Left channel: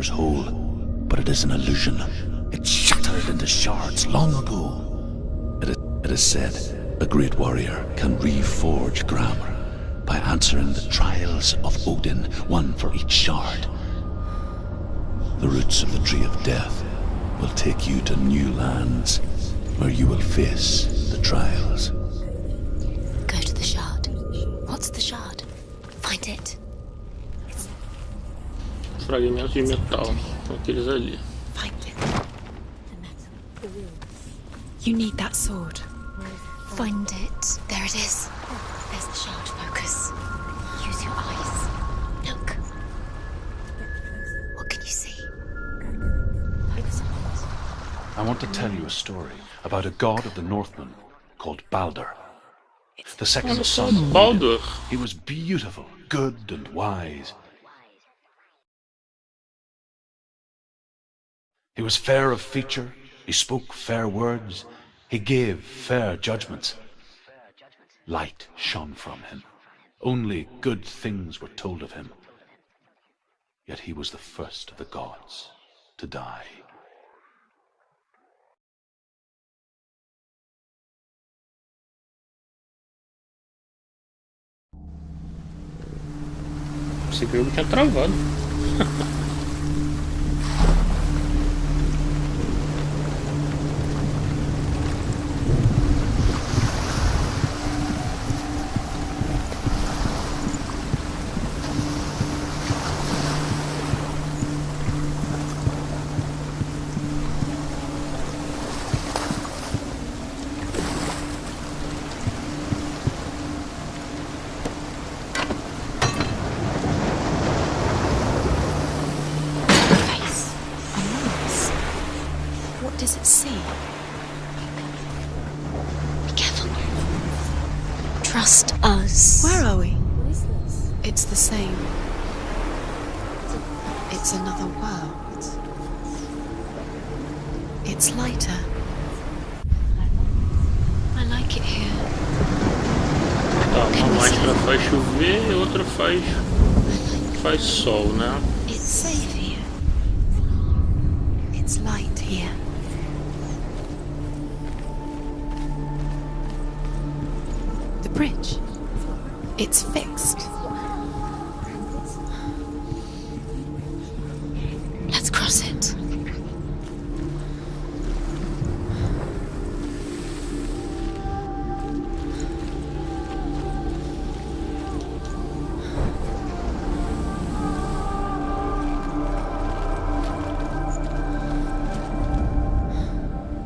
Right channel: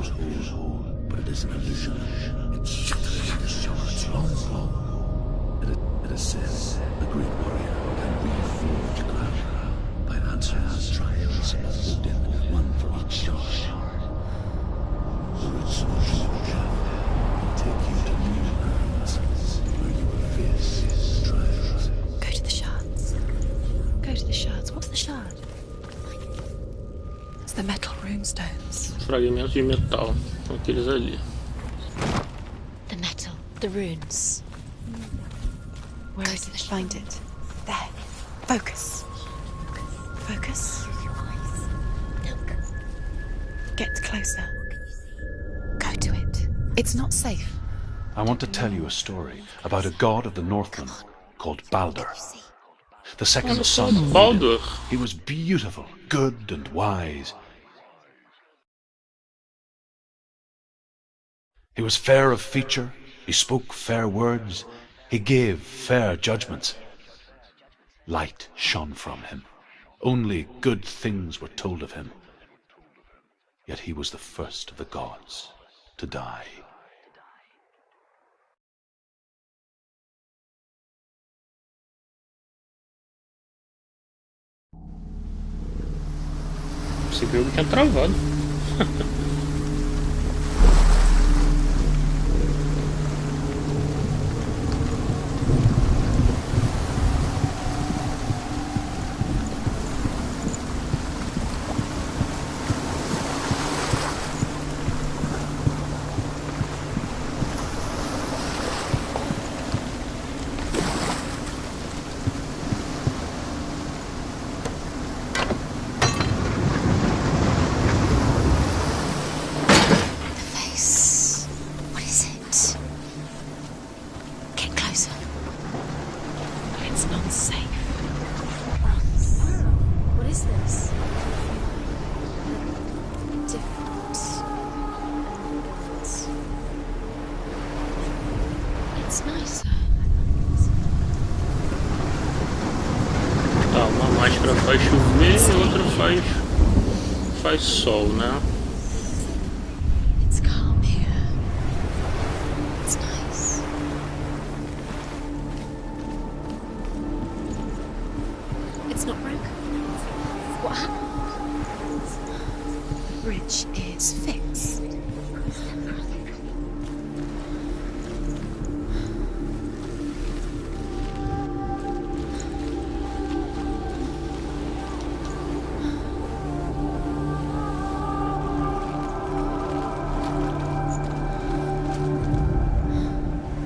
appears whole, but it is an illusion. It shattered into shards long ago. It is said a great warrior can reforge grammar by answering the trials of Odin, one for each shard. The roots of the tree of death will take you to new lands, where you will face the trials. Go to the shards. Go to the shard. Go to the shards. What's the shard? Find it. It's the metal runestones. Fragmentos de metal, são aqueles ali. Find it. The metal. The runes. You need that sword. Where Go is to it? the shard. Find it. There it is. Focus. There's the shard. Focus. Focus. Use your eyes. Look. Get closer. What can you see? Go to it. It's not safe. I want to tell you a story about a god of the Northmen called Baldur. The second son of Baldur. Odin. He was beautiful, good and wise. He was fair of feature, he spoke fair words, he gave fair judgments. Light shone from him. Only good things were told of him. Yet he was the first of the gods to die. Esse jogo tinha travado. Trust us. Where are we? What is this? It's the same. It's another world. It's lighter. It's nicer. I like it here. Tá, uma máscara faz chover e outra faz sol, né? It's safe here. It's calm here. It's light here. It's nice. The bridge. It's not broken. It's fixed. What happened? The bridge is fixed. Let's cross it.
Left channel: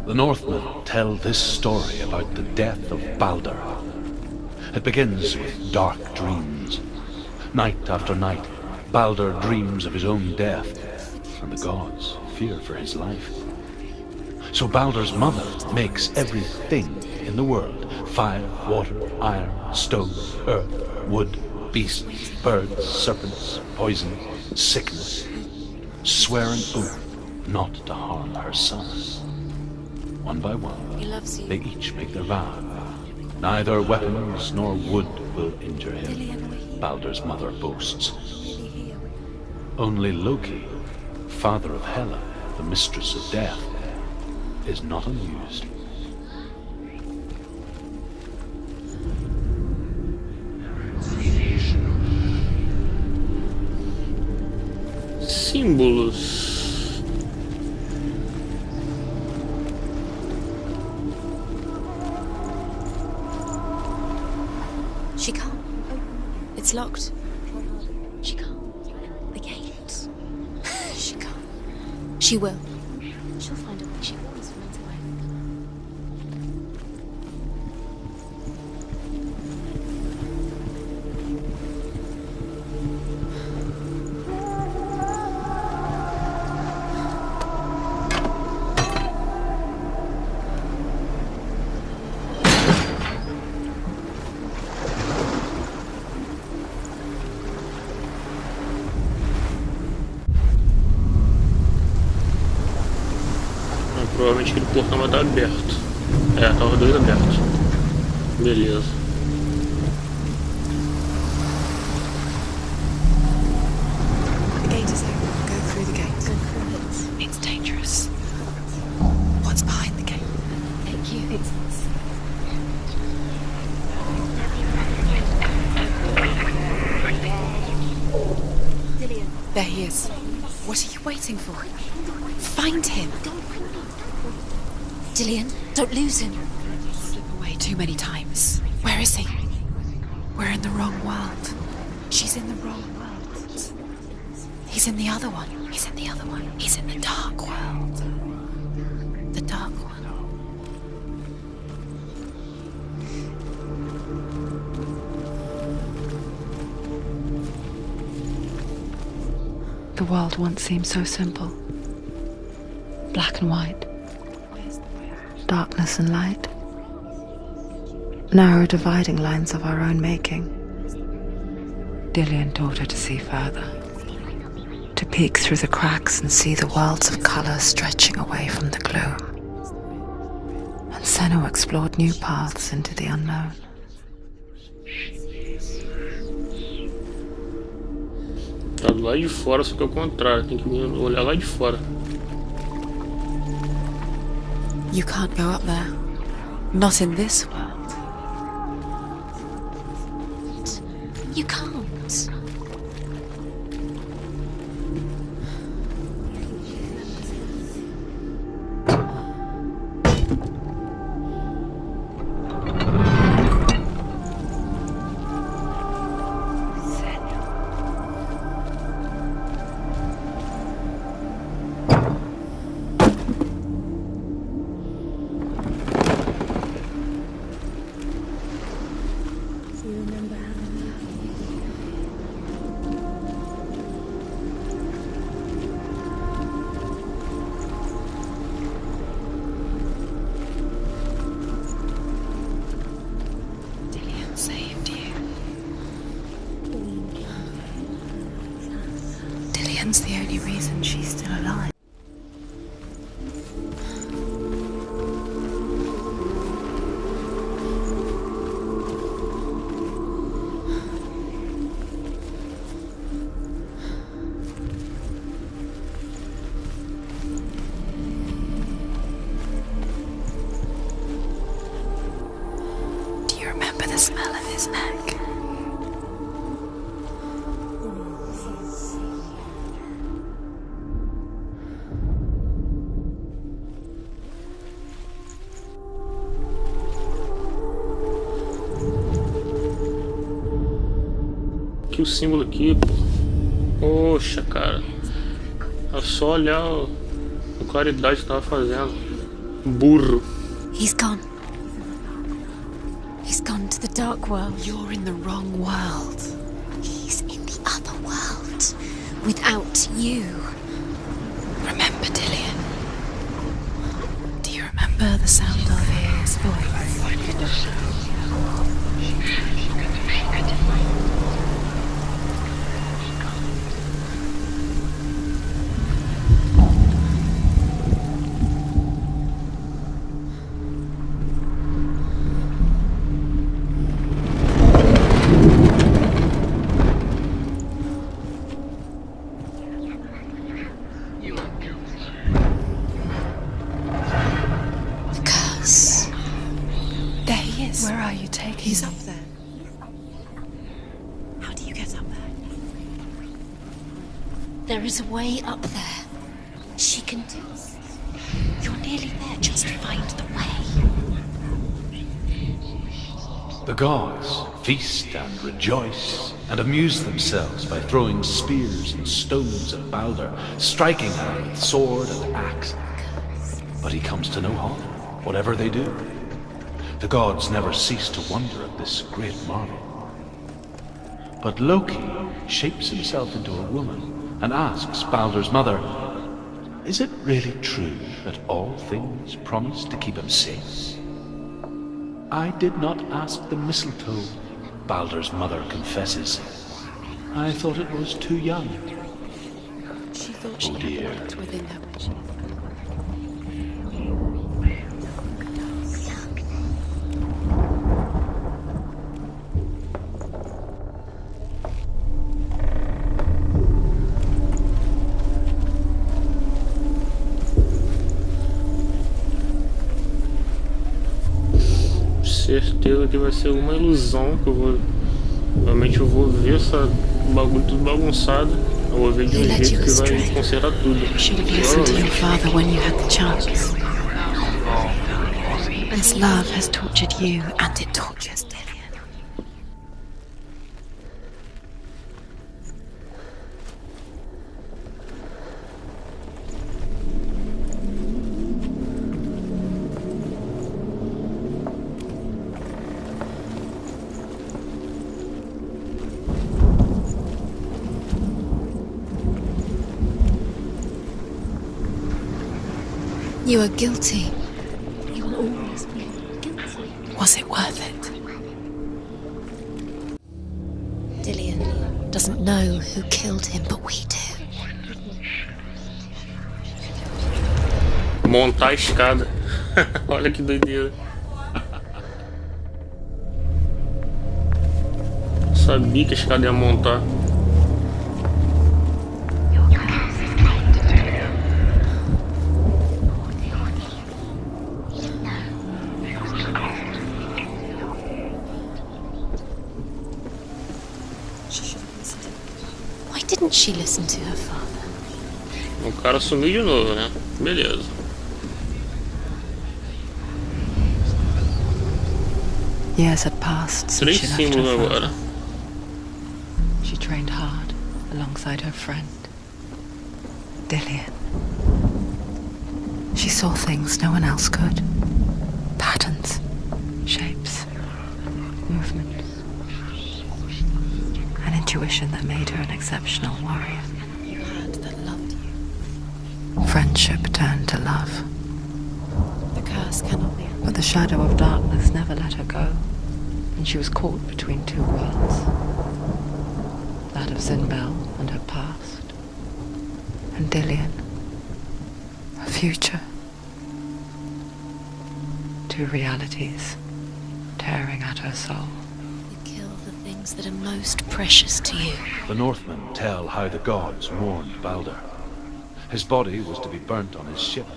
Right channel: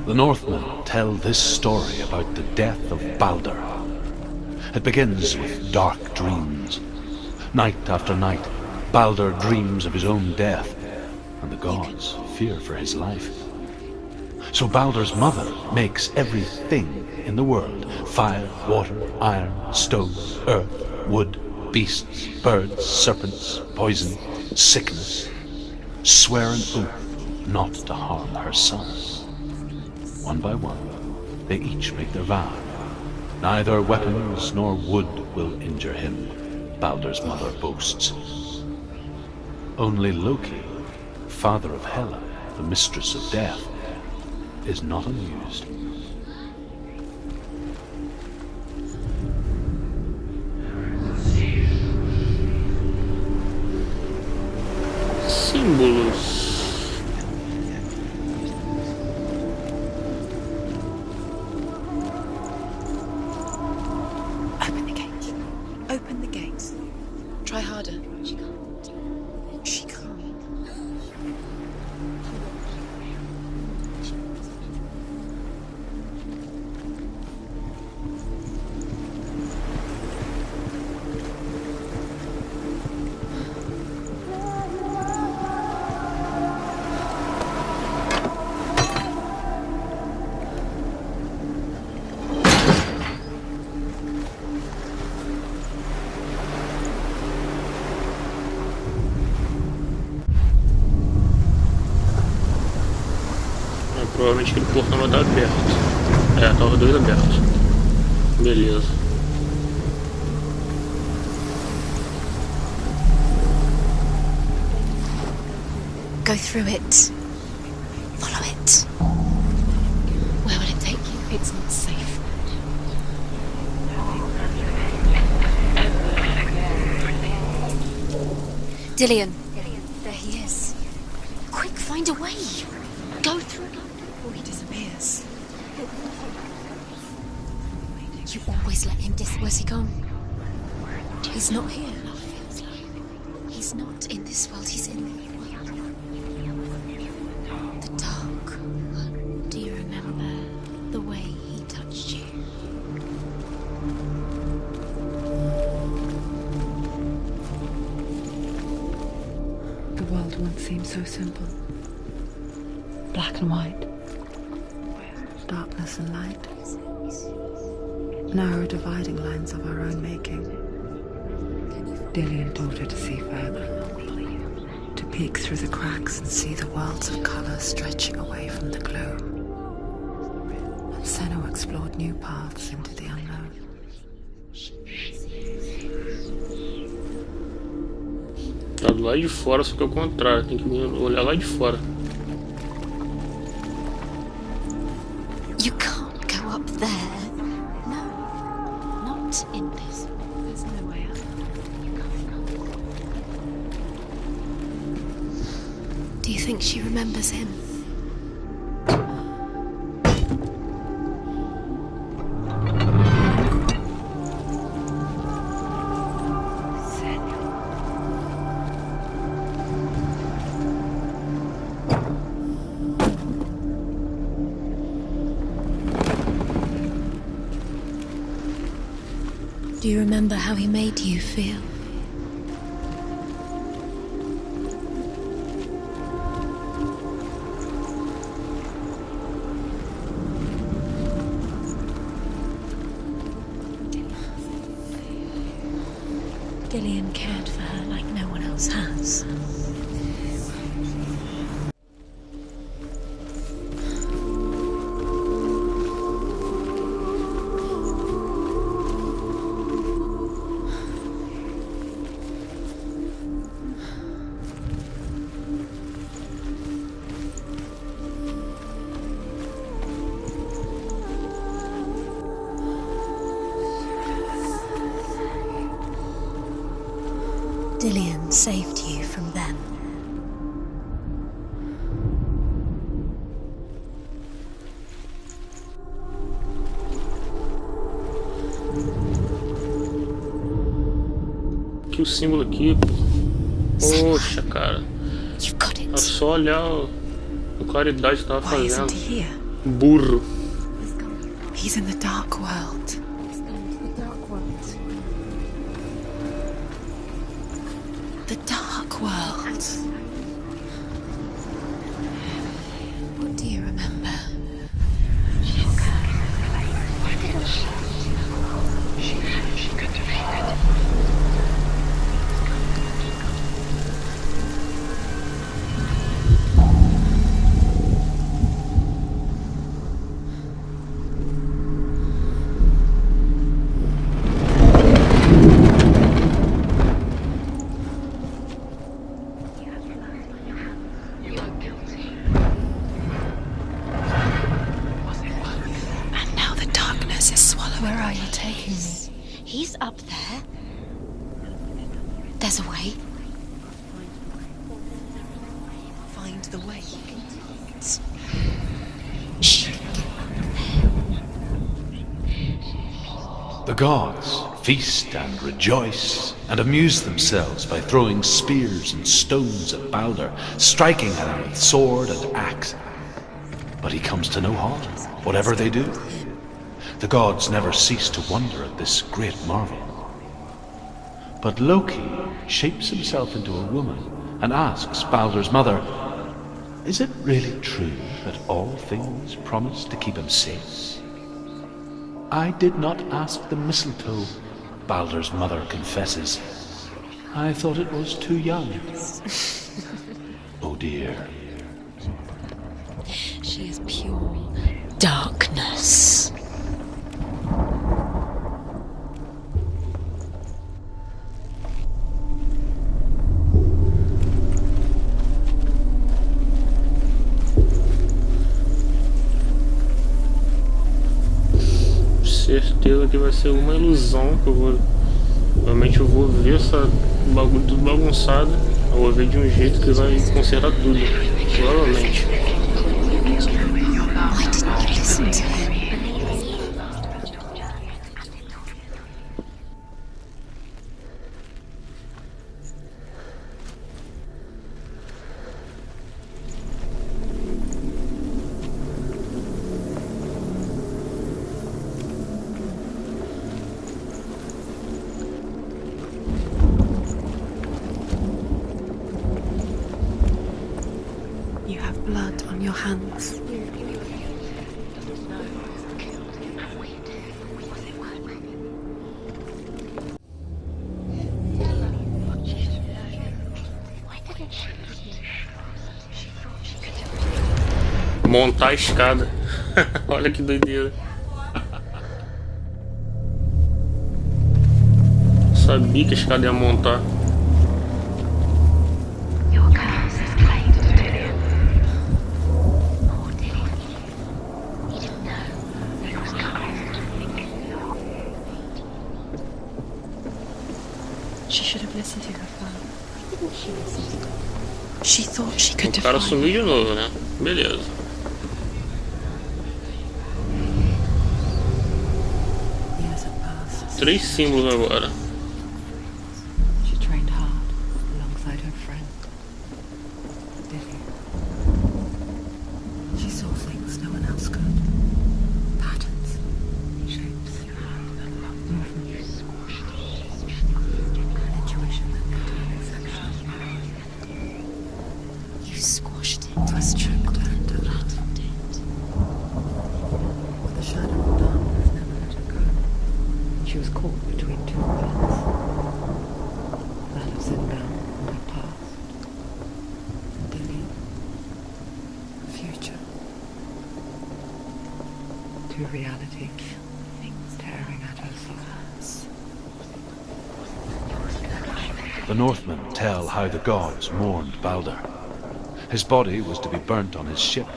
The Northmen tell this story about the death of Baldur. It begins with dark dreams. Night after night, Baldur dreams of his own death, and the gods fear for his life. So Baldur's mother makes everything in the world: fire, water, iron, stone, earth, wood, beasts, birds, serpents, poison, sickness, swear an oath not to harm her son. One by one, they each make their vow. Neither weapons nor wood will injure him, Baldur's mother boasts. Only Loki, father of Hela, the mistress of death, is not amused. Símbolos. Open the gate. She can't. Open the gate. It's locked. Try harder. She can't. The gate. She can't. She can't. She will. She'll find a way. She always finds a way. Provavelmente aquele portão vai estar aberto. É, tá os dois abertos. Beleza. The gate is there. Go through the gate. Go through it. It's dangerous. Follow it. What's behind the gate? Where will it take you? It's not safe. Dilion. There he is. There he is. What are you waiting for? Quick, find a way. Find him. Go through. Before he disappears. Dilion, don't lose him. Way too many times. Where is he? Where's he gone? We're in the wrong world. He's not here. She's in the wrong world. He's not in this world. He's in the other one. He's in the other one. He's in the dark world. The dark. The dark one. Remember the way he touched you. The world once seemed so simple. Black and white. Darkness and light. Narrow dividing lines of our own making. Dilion taught her to see further. To peek through the cracks and see the worlds of color stretching away from the gloom. And Senua explored new paths into the unknown. Tá do lado de fora, só que é o contrário. Tem que olhar lá de fora. You can't go up You there. can't go up there. Not in this world. Not in this world. You can't. Do you think she remembers him? Do you remember how he made you feel? Dilion saved you. Dilion cared for her like no one else has. Dilion's the only reason she's still alive. Do you remember the smell of his neck? Dilion saved you from them. Aqui o símbolo aqui, pô. Poxa, cara. You got É it. só olhar a claridade que tava Why fazendo. isn't he here? Burro. He's gone. He's in the dark world. He's gone to the dark world. You're in the wrong world. He's in the other world. The dark world. Without you. Remember, Dilion. Do you remember? Do you remember the sound of flames? Curse. And now the darkness is swallowing. Where are you taking He's me? up there. He's up there. How do you get up there? There's a way. There is a way up there. Find the way. She can do it. You're nearly there. She'll find the way. The gods feast and rejoice and amuse themselves by throwing spears and stones at Balder, striking at him with sword and axe. But he comes to no harm, whatever they do. The gods never cease to wonder at this great marvel. But Loki shapes himself into a woman and asks Balder's mother, "Is it really true that all things promise to keep him safe?" "I did not ask the mistletoe," Balder's mother confesses. "I thought it was too young." Oh dear. Within her. She is pure darkness. certeza que vai ser uma ilusão que eu vou... Realmente eu vou ver essa bagulho tudo bagunçado. Eu vou ver de um jeito que vai consertar tudo. Provavelmente. Father, when you had the chance, I didn't listen to him. And love has tortured you, and it tortures Dilion. You have blood on your hands. You are guilty. Was it worth it? Dilion doesn't know who killed him, but we do. Montar a escada. Olha que doideira. Sabia que a escada ia montar. Your curse is played to Dilion. She should have listened to her father. Why didn't she listen to her father? She thought she O could cara define. sumiu de novo, né? Beleza. Years had passed since Três she left símbolos her father. agora. She trained hard alongside her friend, Dilion. She saw things no one else could. Patterns, shapes, movements. An intuition that made her an exceptional warrior. You squashed it. Friendship turned to love. The curse cannot be. But the shadow of darkness never let her go, and she was caught between two worlds. That of Zinbel and her past, and Dilion, her future. Two realities tearing at her soul. Kill the things that are most precious to you. The Northmen tell how the gods mourned Balder. His body was to be burnt on his ship,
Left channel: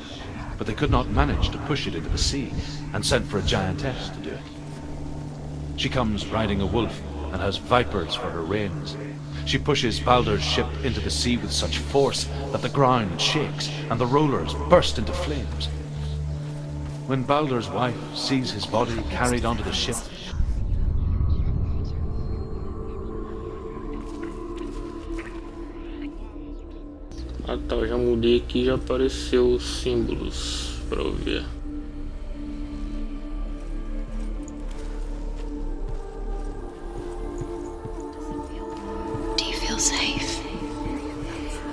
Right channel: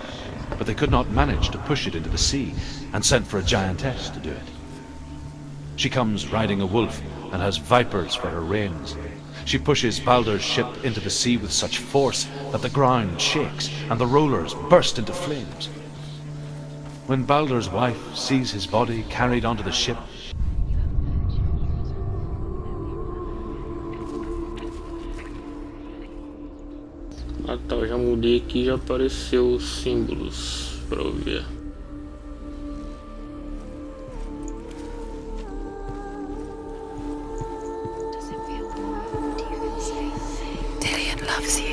but they could not manage to push it into the sea, and sent for a giantess to do it. She comes riding a wolf and has vipers for her reins. She pushes Balder's ship into the sea with such force that the ground shakes and the rollers burst into flames. When Balder's wife sees his body carried onto the ship, Ah tá, eu já mudei aqui e já apareceu os símbolos pra eu ver. Do you feel safe? Dilion loves you.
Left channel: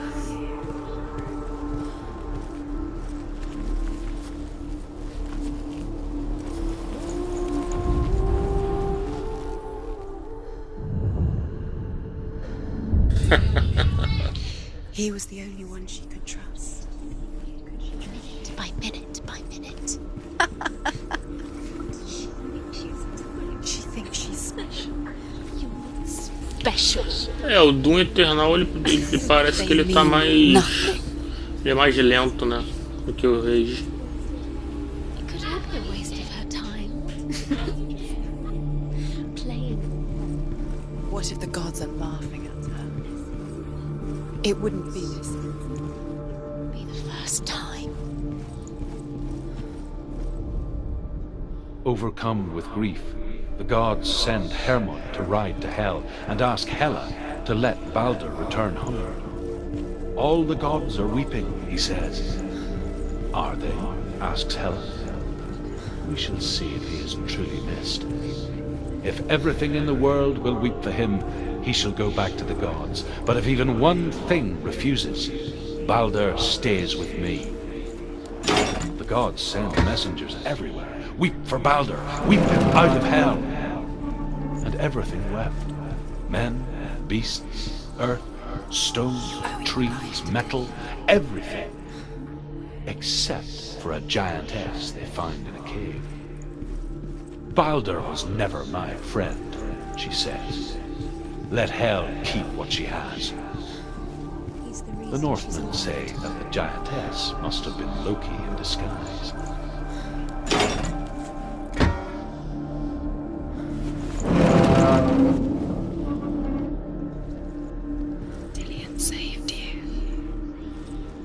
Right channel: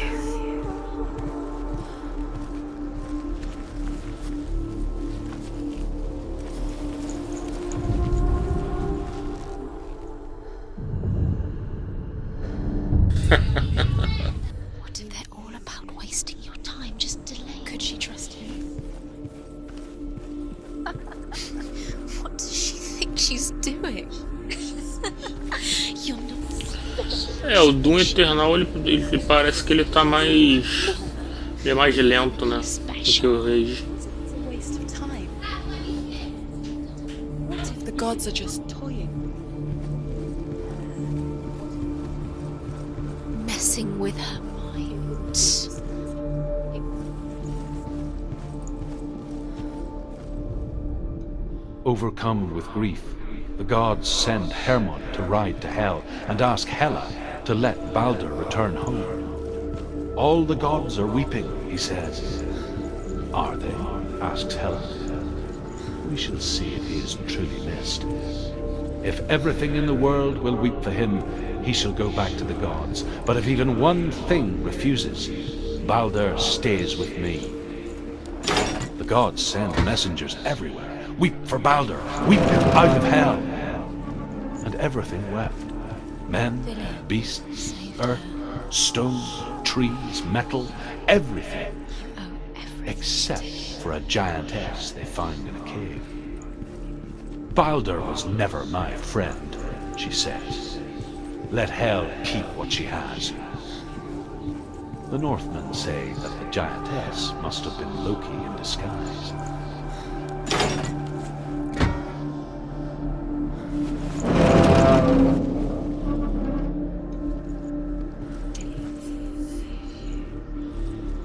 He was the only about wasting your time. Just delay. Could she trust it? By minute, by minute. What does she think she's doing? You're special. É, o Doom Eternal ele parece que ele tá mais. Ele é mais lento, né? Do que o Rage. The gods are just toying, playing. What if the gods are laughing at her? Messing with her. It wouldn't be this. Be the first time. overcome with grief, the gods send Hermod to ride to Hell and ask Hela to let Balder return home. All the gods are weeping, he says. Are they? Asks Hela. We shall see if he is truly missed. If everything in the world will weep for him, he shall go back to the gods. But if even one thing refuses, Balder stays with me. The gods send messengers everywhere. Weep for Balder, weep him out of hell. And everything wept. Men, beasts, earth, stone, trees, metal, everything. Except for a giantess they found in a cave. Balder was never my friend, she says. Let Hel keep what she has. The Northmen say that the giantess must have been Loki in disguise.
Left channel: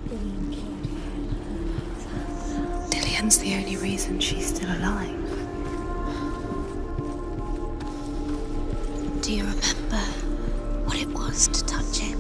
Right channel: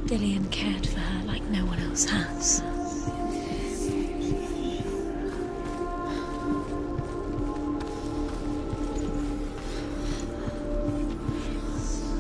Dilion cared for her like no one else has. Dilion's the only reason she's still alive. Do you remember what it was to touch him?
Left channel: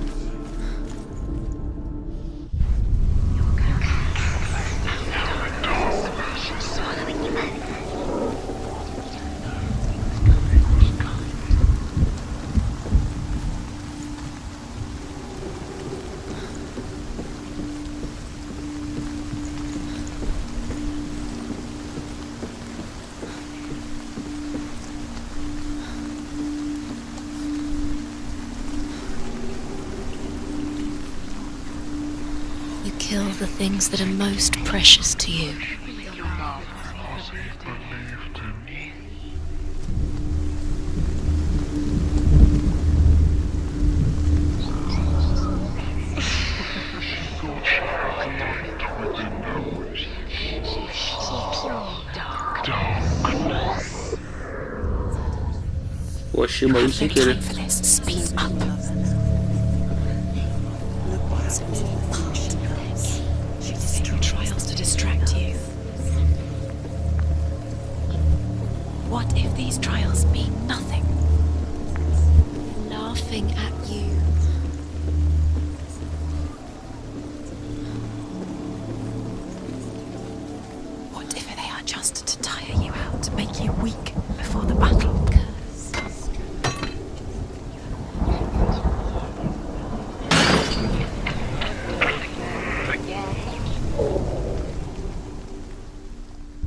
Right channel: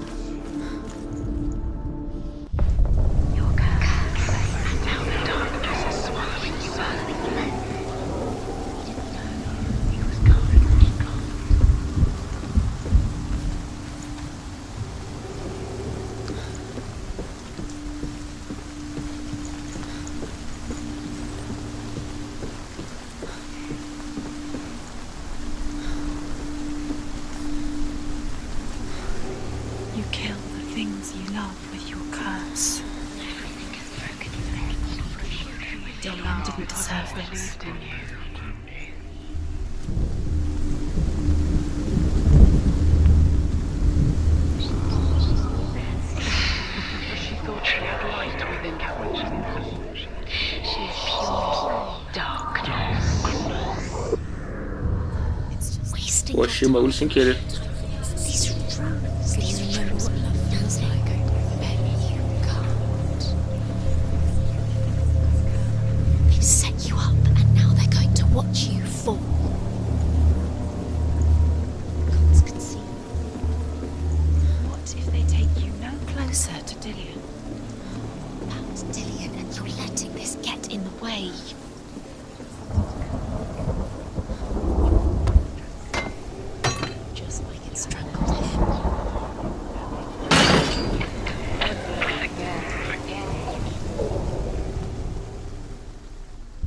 The things that are most precious to you. Dilion didn't deserve relief. Eu achei o bagulho sem querer.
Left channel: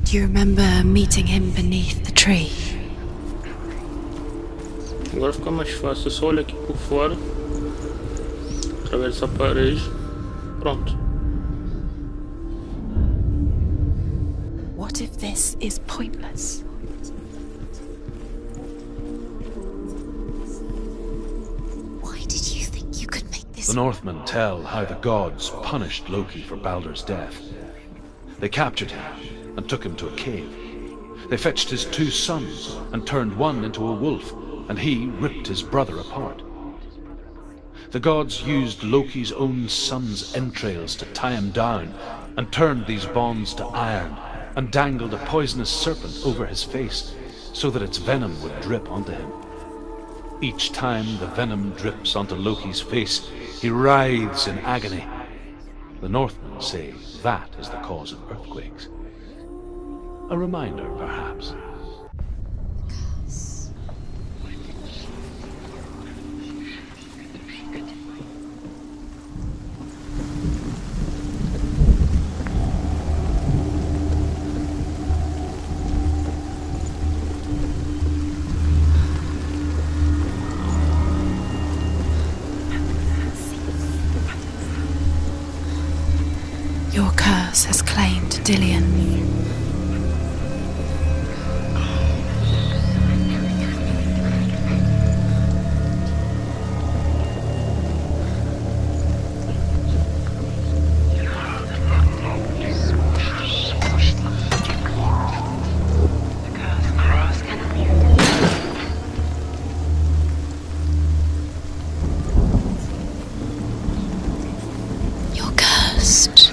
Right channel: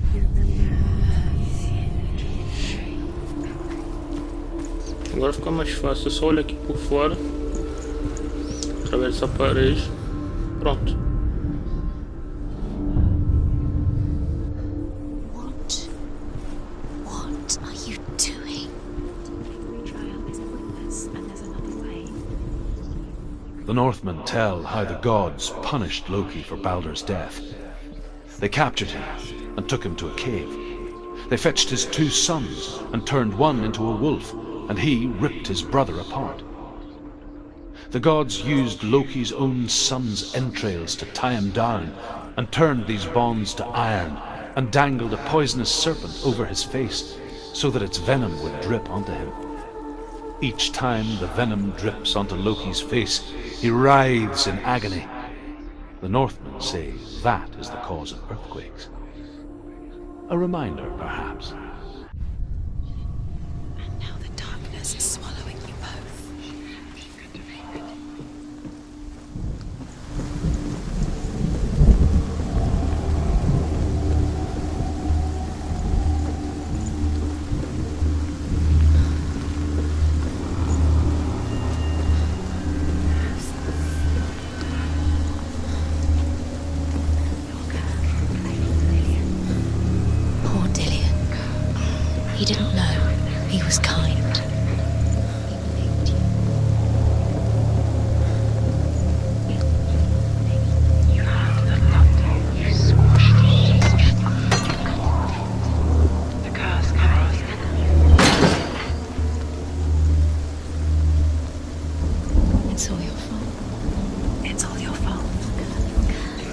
Do you remember meeting him beneath the tree? Agora fica mais fácil, é só olhar aqui por fora, através dessa parede, pronto. What if this is pointless? What are you doing? Why did you think you could make this? The Northmen tell how the gods punished Loki for Baldur's death. They captured him and took him to a cave. They fetched his 2 sons and turned one into a wolf, and he ripped his brother apart. The gods used Loki's own son's entrails to tie him down, and turned these bonds to iron, and dangled a poisonous serpent over his face, so that its venom would drip onto him. Each time the venom drips onto Loki's face, he writhes in agony. The Northmen say that is the cause of earthquakes. A reminder, perhaps. And now the darkness is swallowing you both. Your curse has claimed Dilion. He didn't know. He was kind. It's all your fault. It's all your fault. You're cursed.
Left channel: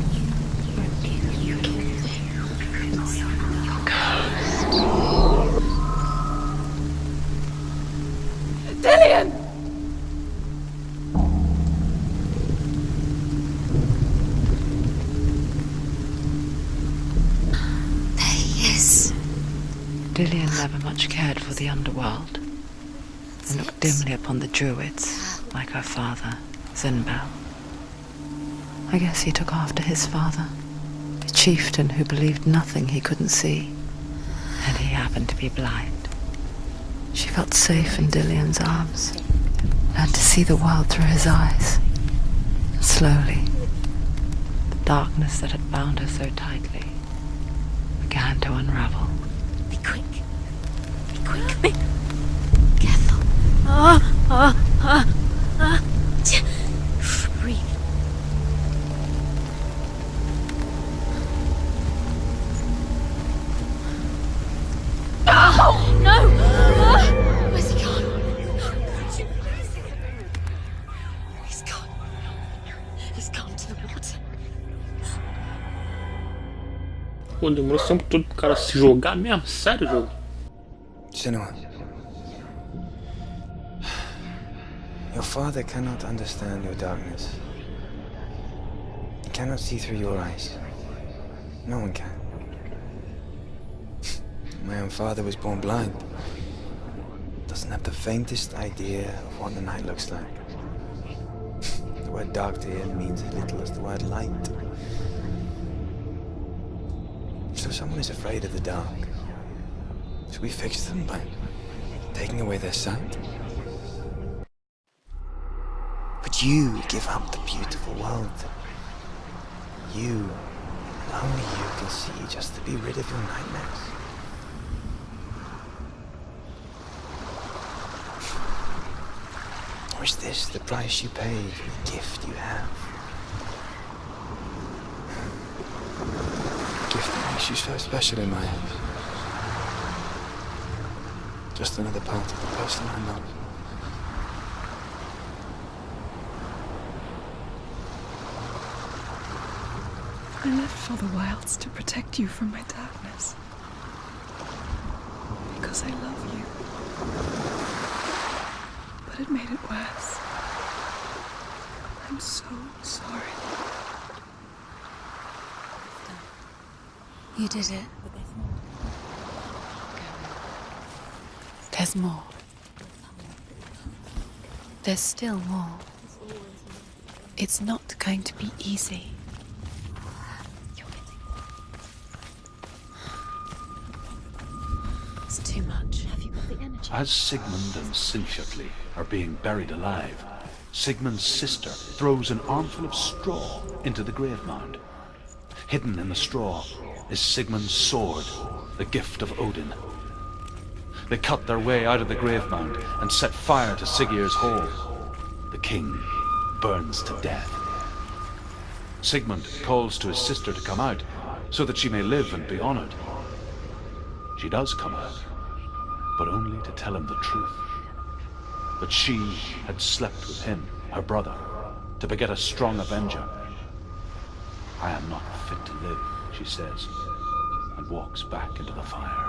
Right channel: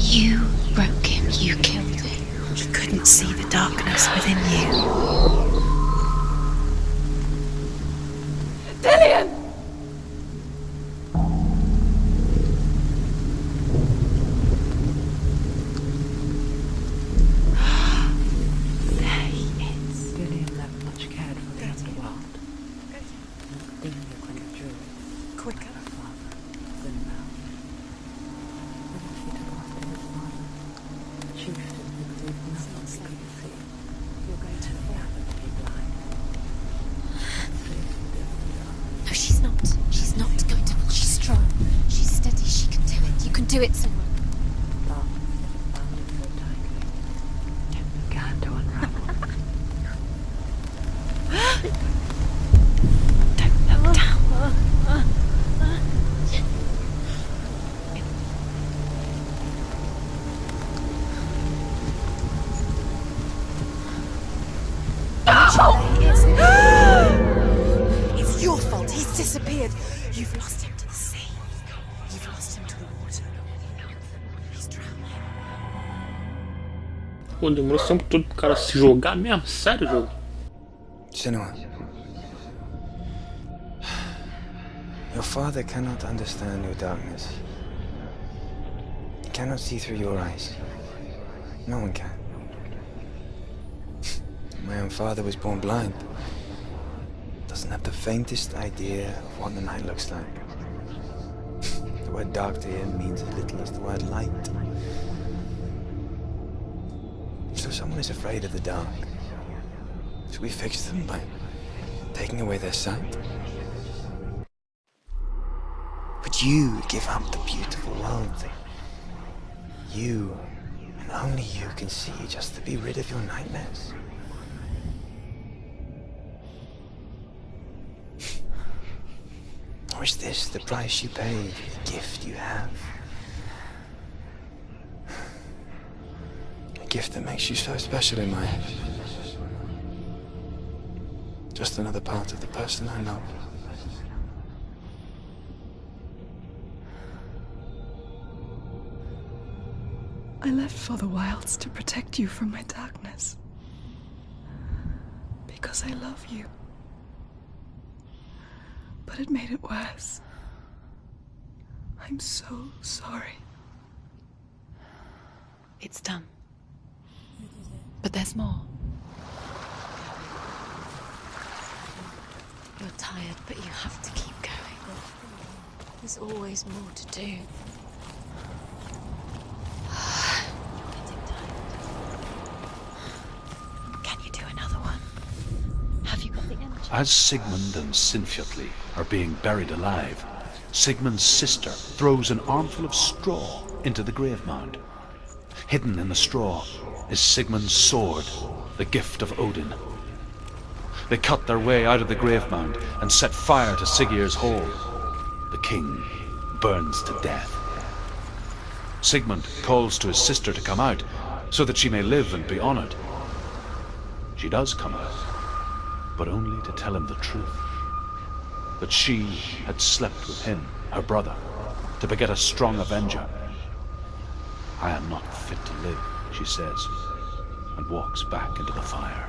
You broke him. You killed him. You couldn't see the darkness within you. Dilion! There he is. Dilion never much cared for the underworld, and looked dimly upon the druids, like her father, Zinbel. I guess he took after his father, a chieftain who believed nothing he couldn't see, and he happened to be blind. She got safe in Dilion's arms, No, she's not. learned to see the world through his eyes. She's steady. She can. Slowly. You can do it. The darkness that had bound her so tightly began to unravel. Be quick. Be quick. Be careful. Breathe. No! Where's he gone? It's your fault. He's disappeared. You've lost him to the sea. He's gone. You've lost him to the... He's gone to the water. He's drowned. Pô, demorou esse tempo todo pro cara se jogar mesmo? Sério, jogo? Senua, your father cannot understand your darkness. He cannot see through your eyes. No one can. My own father was born blind. Doesn't have the faintest idea of what the night looks like. The word dark to him means as little as the word light. So someone is afraid of the dark. Should we fix them by taking away their sight? But you give up the beautiful world that you, and only you, can see just to be rid of your nightmares. Or is this the price you pay for the gift you have? A gift that makes you so special in my eyes. Just another part of the person I love. I left for the wilds to protect you from my darkness. Because I love you. But it made it worse. I'm so sorry. It's done. You did it. But there's more. There's more. You're tired, but you have to keep going. There's still more. There's always more to do. It's not going to be easy. You're getting tired. Can you do another one? It's too much. Have you got the energy? As Sigmund and Sinfjotli are being buried alive, Sigmund's sister throws an armful of straw into the grave mound. Hidden in the straw is Sigmund's sword, the gift of Odin. They cut their way out of the grave mound and set fire to Siggeir's hall. The king burns to death. Sigmund calls to his sister to come out so that she may live and be honored. She does come out, but only to tell him the truth. That she had slept with him, her brother, to beget a strong avenger. I am not fit to live, she says, and walks back into the fire.